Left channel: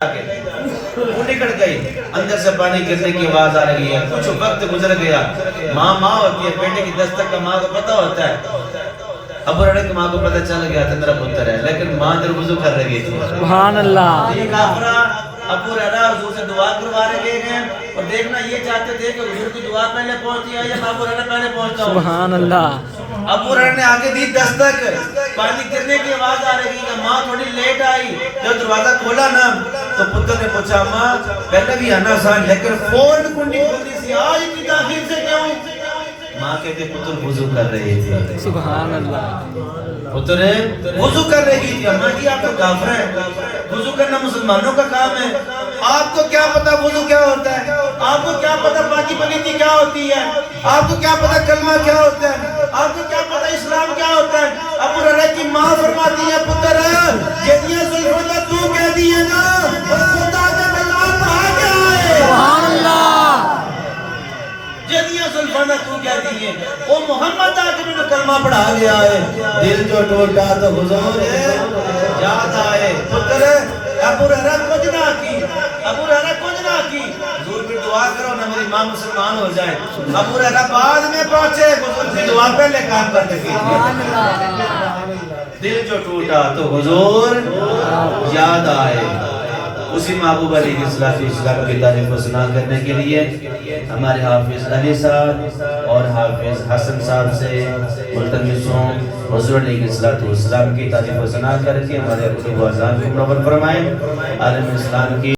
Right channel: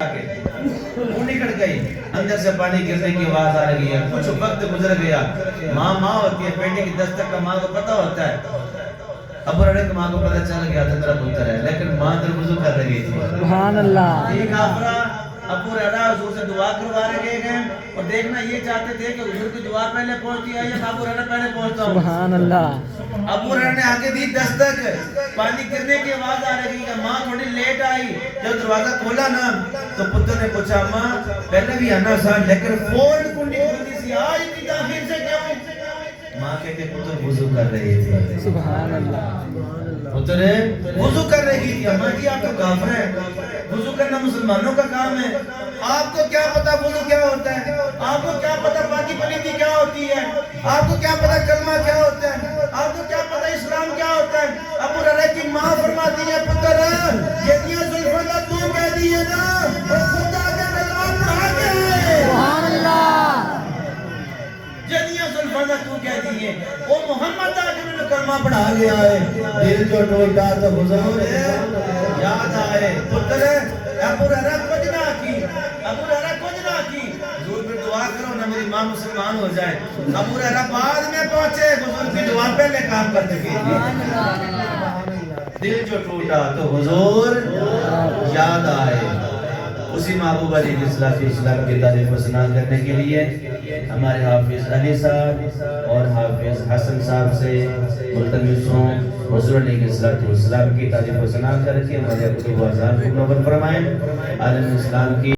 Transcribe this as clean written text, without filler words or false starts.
وہ نکل گئی، اندر سے پانی گرنے کی آواز آ رہی ہے، کچھ وقت گزر گیا، ماں ہوتی ہے، بیٹے کی دستک کا ماں کو پتہ ہوتا ہے۔ ابو ہریرہ کی ماں کو پتہ چل گیا تھا میرا پتر ہے، لیکن ماں در وضو کر رہی تھی۔ سبحان اللہ۔ یہ کافرہ ابو ہریرہ حضور سے دعا کروا رہے گئے اور دیکھنا یہ چاہتے تھے کہ حضور کی دعا پہلے پہنچتی ہے یا ابو ہریرہ پہلے پہنچتا ہوں۔ سبحان اللہ۔ ابو ہریرہ نے آگے دی دستک، پانی گرنے کی آواز آ رہی ہے، ماں تھوڑی لیٹ آئی، جب دروازہ کھولا نا تو پتر نے پوچھا ماں پہلے بھی آنا آسان لیکن فوراً کنڈی کھلی سی، آج اتنی تاخیر سے کیوں؟ ماں کہتے پتر وضو کر رہے تھے۔ سبحان اللہ۔ پتر وضو کر رہی تھی، اماں جی آپ تو کافر ہیں، وضو کرنا مسلمانوں کا کام ہے، آپ کو کیا پتا وضو کیا ہوتا ہے، آپ کو کیا پتا پاکی پلیتی کیا ہوتی ہے، آپ کو کیا پتا کلمہ کیا ہوتا ہے، آپ کو کیا پتا اسلام کیا ہوتا ہے؟ ابو ہریرہ کی ماں فرماتی ہے پتر جدیاں زلفوں تو کہہ دیئے گا خدا کے کلام کہاں گیا ہے؟ سبحان اللہ۔ جدیاں زلفوں تو کہہ دیئے وہ محمد آ کے میں نے کلمہ پڑھا گیا ہے، دل جو ٹوٹا تو حضور یاد آئے۔ پتر ابو ہریرہ کچھ نہ کی، ابو ہریرہ کچھ نہ کی، حضور بھی دعا کرو نہ میری ماں مسلمان ہو جائے۔ ابو ہریرہ بعد میں پہنچے، حضور کی دعا پہلے کام کرتے تھے۔ دل جو ٹوٹا تو حضور یاد آئے۔ اسی محبوب علیہ السلام کی تعریف و ثنا کرنے کے لیے ہمارے حافظ علی صاحب اور حافظ حسن صاحب سے ملتمس ہوں حضور علیہ السلام کی تعریف و ثنا کر کے ہمارے اپنے اذان کو منور فرمائیں۔ عالم اسلام کی